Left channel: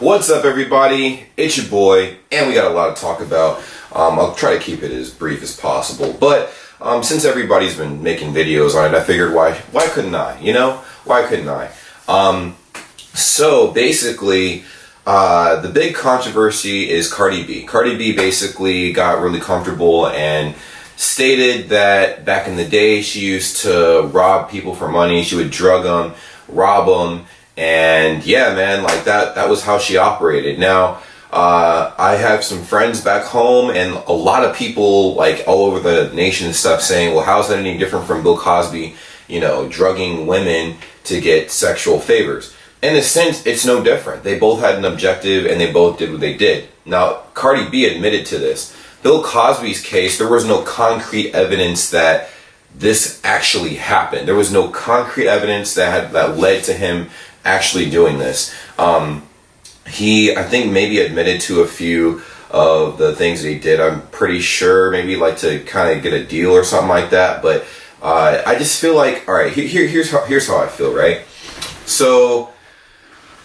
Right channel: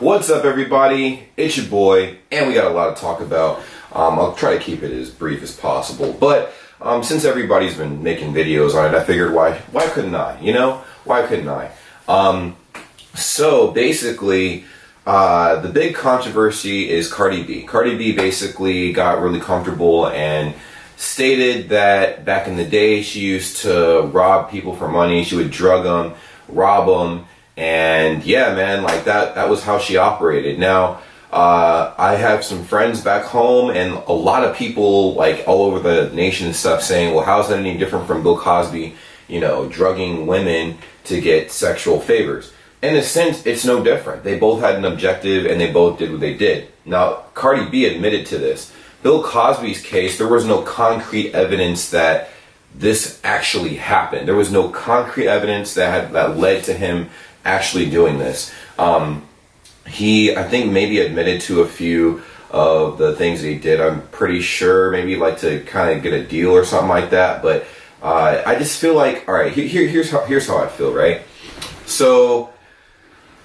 What's up, everybody? It's your boy, and we got a lot to talk about. I'll try to keep it as brief as possible, but since everybody's been making videos on it, I figured why couldn't I? You know, why couldn't I? So basically, the big controversy is Cardi B. Cardi B basically got really comfortable and stated that back in the day she used to rob people for money. She would drug them, rob them, and yeah, man, like that was how she operated. Now, I have some friends back home and a lot of people like all over the nation and stuff saying, well, how's that any different from Bill Cosby, you know, drugging women to get sexual favors? In a sense, it's no different. They both had an objective and they both did what they did. Now, Cardi B admitted to this. Bill Cosby's case, there was no concrete evidence that this actually happened. There was no concrete evidence that led to him actually doing this. He, I think, maybe admitted to a few of the things that he did. I'm pretty sure maybe like to kind of get a deal or something like that. But I just feel like, all right, here's how I feel, right? So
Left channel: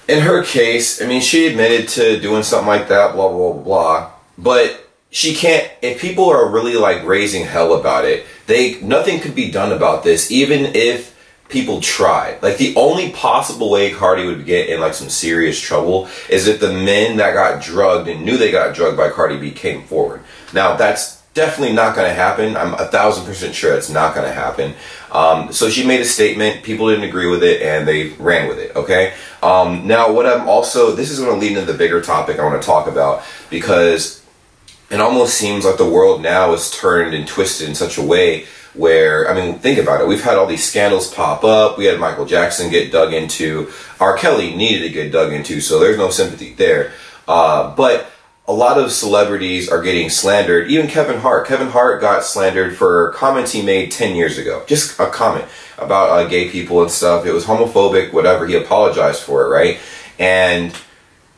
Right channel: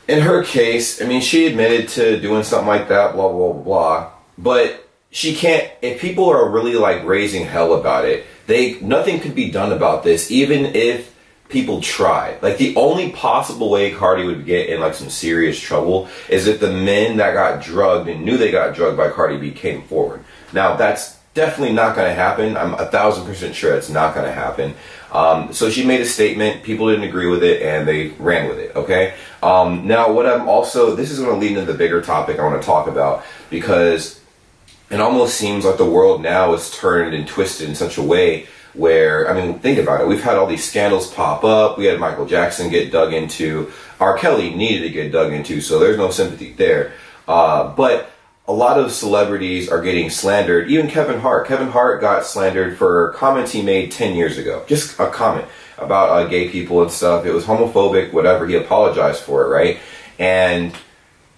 in her case, I mean, she admitted to doing something like that, blah, blah, blah, blah. But she can't, if people are really like raising hell about it, nothing could be done about this, even if people tried. Like, the only possible way Cardi would get in like some serious trouble is if the men that got drugged and knew they got drugged by Cardi B came forward. Now, that's definitely not going to happen. I'm 1000% sure it's not going to happen. So she made a statement, people didn't agree with it, and they ran with it, okay? Now, what I'm also, this is going to lead into the bigger topic I want to talk about, because it almost seems like the world now is turned and twisted in such a way where, I mean, think about it. We've had all these scandals pop up. We had Michael Jackson get dug into. R. Kelly needed to get dug into, so there's no sympathy there. But a lot of celebrities are getting slandered. Even Kevin Hart. Kevin Hart got slandered for comments he made 10 years ago. Just a comment about gay people and stuff. It was homophobic, whatever. He apologized for it, right? And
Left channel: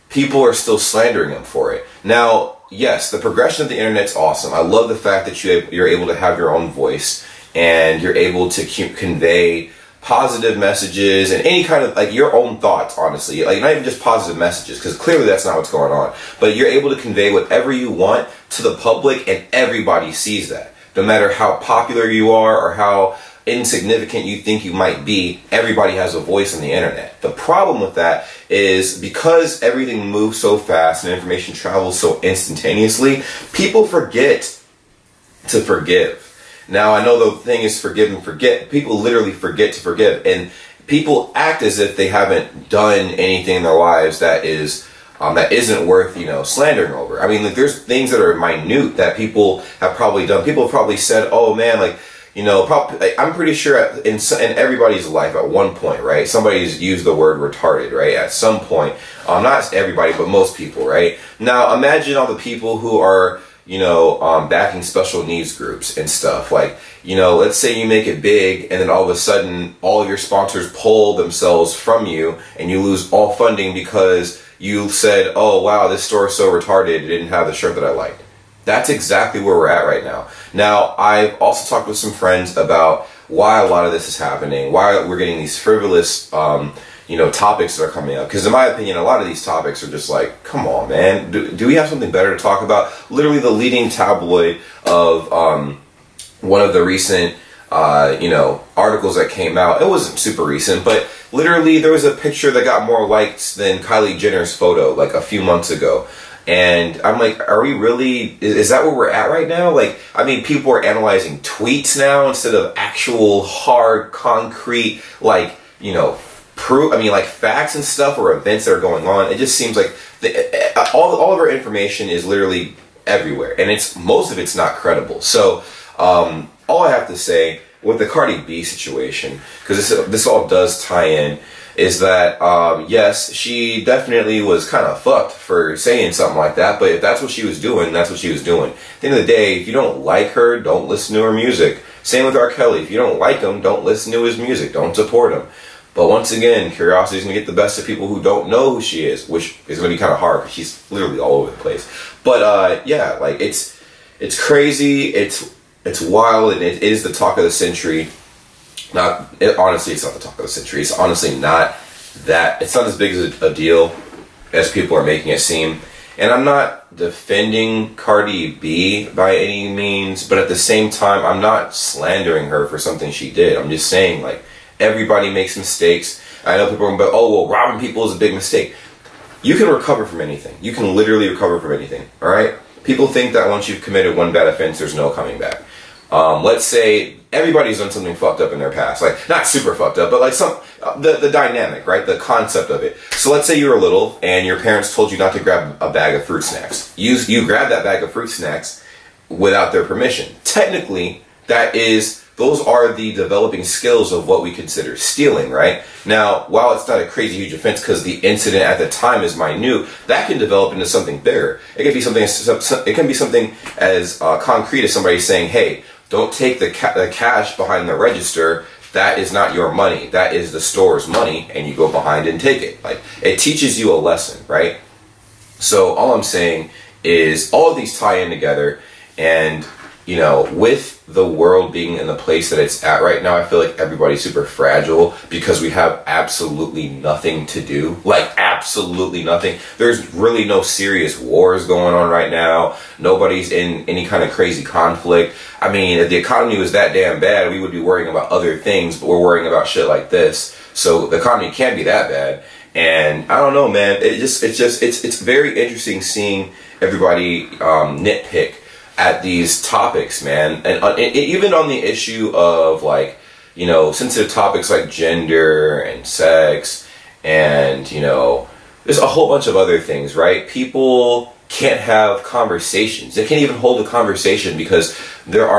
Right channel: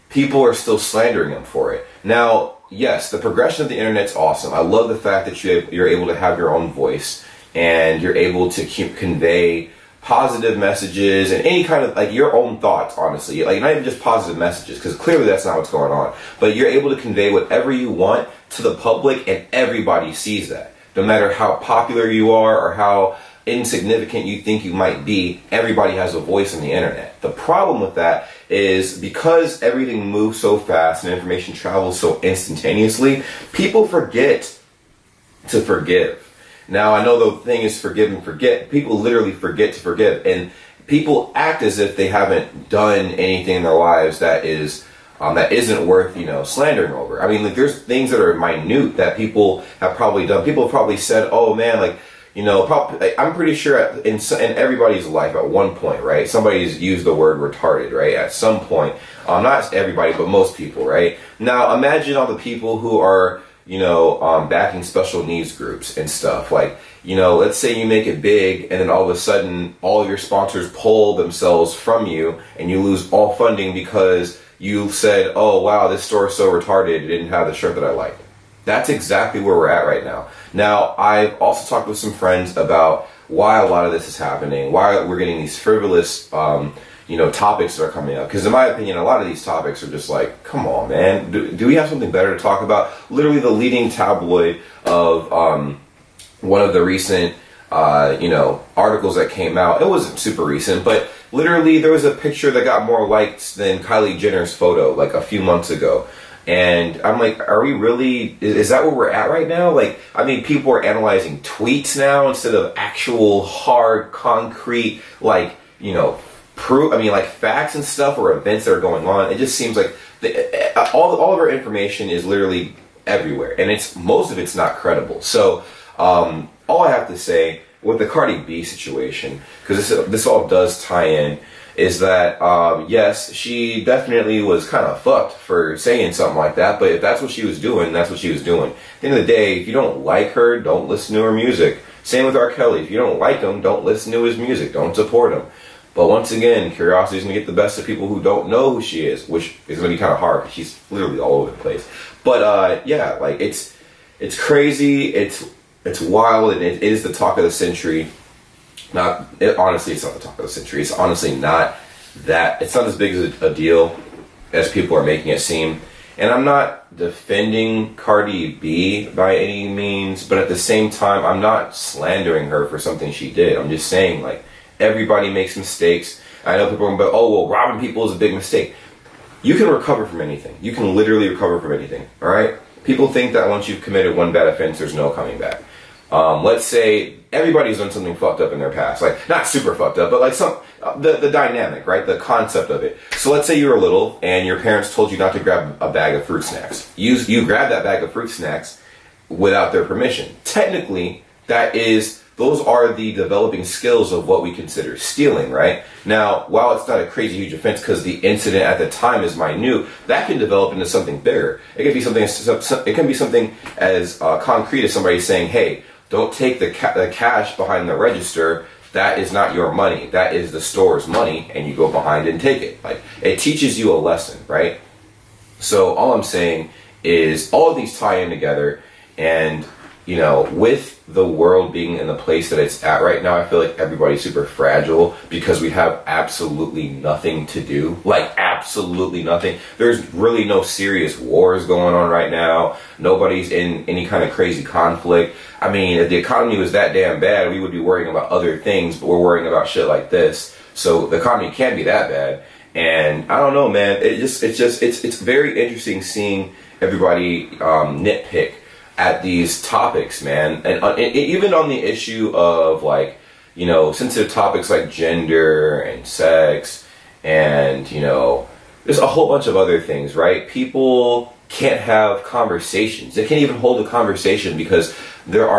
people are still slandering him for it. Now, yes, the progression of the internet's awesome. I love the fact that you're able to have your own voice and you're able to convey positive messages and any kind of like your own thoughts, honestly, like not even just positive messages, because clearly that's not what's going on, but you're able to convey whatever you want to the public and everybody sees that. No matter how popular you are or how insignificant you think you might be, everybody has a voice on the internet. The problem with that is because everything moves so fast and information travels so instantaneously, people forget to forgive. Now, I know the thing is forgive and forget. People literally forget to forgive, and people act as if they haven't done anything in their lives that isn't worth, you know, slandering over. I mean, like, there's things that are minute that people have probably done. People have probably said, oh man, like, you know, I'm pretty sure in everybody's life at one point, right, somebody's used the word retarded, right, at some point. Not everybody, but most people, right? Now, imagine all the people who are, you know, backing special needs groups and stuff. Like, you know, let's say you make it big and then all of a sudden all of your sponsors pull themselves from you and you lose all funding because you said, oh, wow, this store is so retarded, it didn't have the shirt that I liked. That's exactly where we're at right now. Now, I've also talked with some friends about why a lot of this is happening, why we're getting these frivolous, you know, topics that are coming up. Because in my opinion, a lot of these topics are just like, come on, man. Do we have something better to talk about? Literally the leading tabloid of one of the recent, you know, articles that came out. It wasn't super recent, but literally there was a picture that got more likes than Kylie Jenner's photo like a few months ago. And I'm like, are we really, is that where we're at right now? Like, I mean, people are analyzing tweets now instead of actual hard, concrete, like, you know, proof, I mean, like facts and stuff or events that are going on. It just seems like all of our information is literally everywhere, and most of it's not credible. So all I have to say with the Cardi B situation, because this all does tie in, is that yes, she definitely was kind of fucked for saying something like that, but if that's what she was doing, that's what she was doing. At the end of the day, if you don't like her, don't listen to her music. Same with R. Kelly. If you don't like him, don't listen to his music. Don't support him. But once again, curiosity is going to get the best of people who don't know who she is, which is going to be kind of hard because she's literally all over the place. But yeah, like it's crazy, it's wild, and it is the talk of the century. Honestly, it's not the talk of the century. It's honestly not that. It's not as big as a deal as people are making it seem. And I'm not defending Cardi B by any means, but at the same time, I'm not slandering her for something she did. I'm just saying, like, everybody makes mistakes. I know people are going to be, oh, well, robbing people is a big mistake. You can recover from anything. You can literally recover from anything, all right? People think that once you've committed one bad offense, there's no coming back. Let's say everybody's done something fucked up in their past, like not super fucked up, but like the dynamic, right? The concept of it. So let's say you were little and your parents told you not to grab a bag of fruit snacks. You grab that bag of fruit snacks without their permission. Technically, those are the developing skills of what we consider stealing, right? Now, while it's not a crazy huge offense because the incident at the time is minute, that can develop into something bigger. It can be something as concrete as somebody saying, hey, don't take the cash behind the register. That is not your money. That is the store's money, and you go behind and take it. Like, it teaches you a lesson, right? So all I'm saying is all of these tie in together, and you know, with the world being in the place that it's at right now, I feel like everybody's super fragile because we have absolutely nothing to do. Like, absolutely nothing. There's really no serious wars going on right now. Nobody's in any kind of crazy conflict. I mean, if the economy was that damn bad, we would be worrying about other things, but we're worrying about shit like this. So the economy can't be that bad. And I don't know, man. It's very interesting seeing everybody nitpick at these topics, man, and even on the issue of, like, you know, sensitive topics like gender and sex, and, you know, there's a whole bunch of other things, right? People can't have conversations. They can't even hold a conversation because people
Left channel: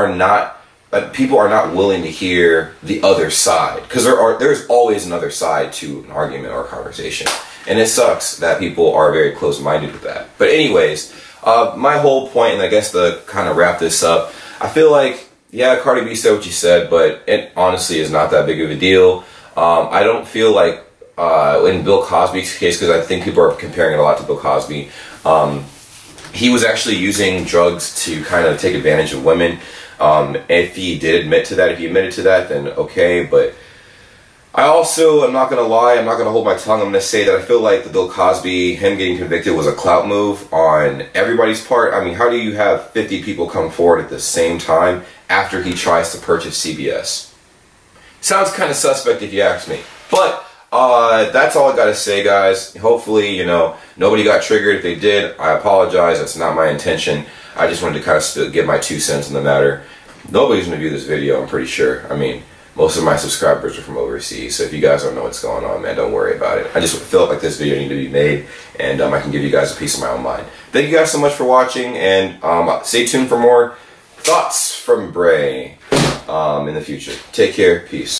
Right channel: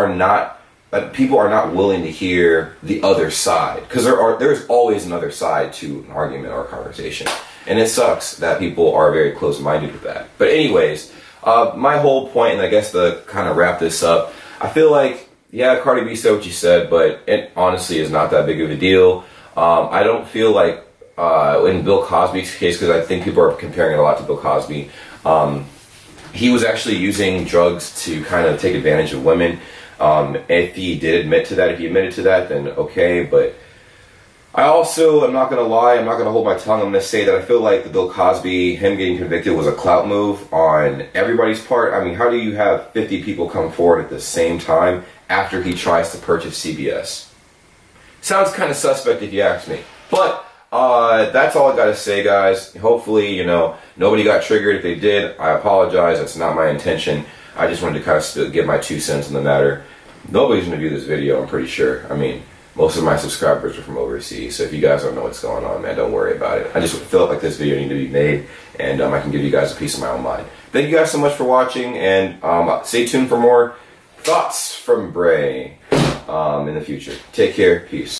are not willing to hear the other side, because there's always another side to an argument or a conversation, and it sucks that people are very close-minded with that. But anyways, my whole point, and I guess to kind of wrap this up, I feel like, yeah, Cardi B said what she said, but it honestly is not that big of a deal. I don't feel like in Bill Cosby's case, because I think people are comparing it a lot to Bill Cosby, he was actually using drugs to kind of take advantage of women. If he did admit to that, if he admitted to that, then okay, but I also, I'm not going to lie, I'm not going to hold my tongue, I'm going to say that I feel like the Bill Cosby, him getting convicted, was a clout move on everybody's part. I mean, how do you have 50 people come forward at the same time after he tries to purchase CBS? Sounds kind of suspect if you ask me. But that's all I got to say, guys. Hopefully, you know, nobody got triggered. If they did, I apologize. That's not my intention. I just wanted to kind of give my 2 cents in the matter. Nobody's going to view this video, I'm pretty sure. I mean, most of my subscribers are from overseas, so if you guys don't know what's going on, man, don't worry about it. I just feel like this video needed to be made, and I can give you guys a piece of my own mind. Thank you guys so much for watching, and stay tuned for more thoughts from Bray in the future. Take care. Peace.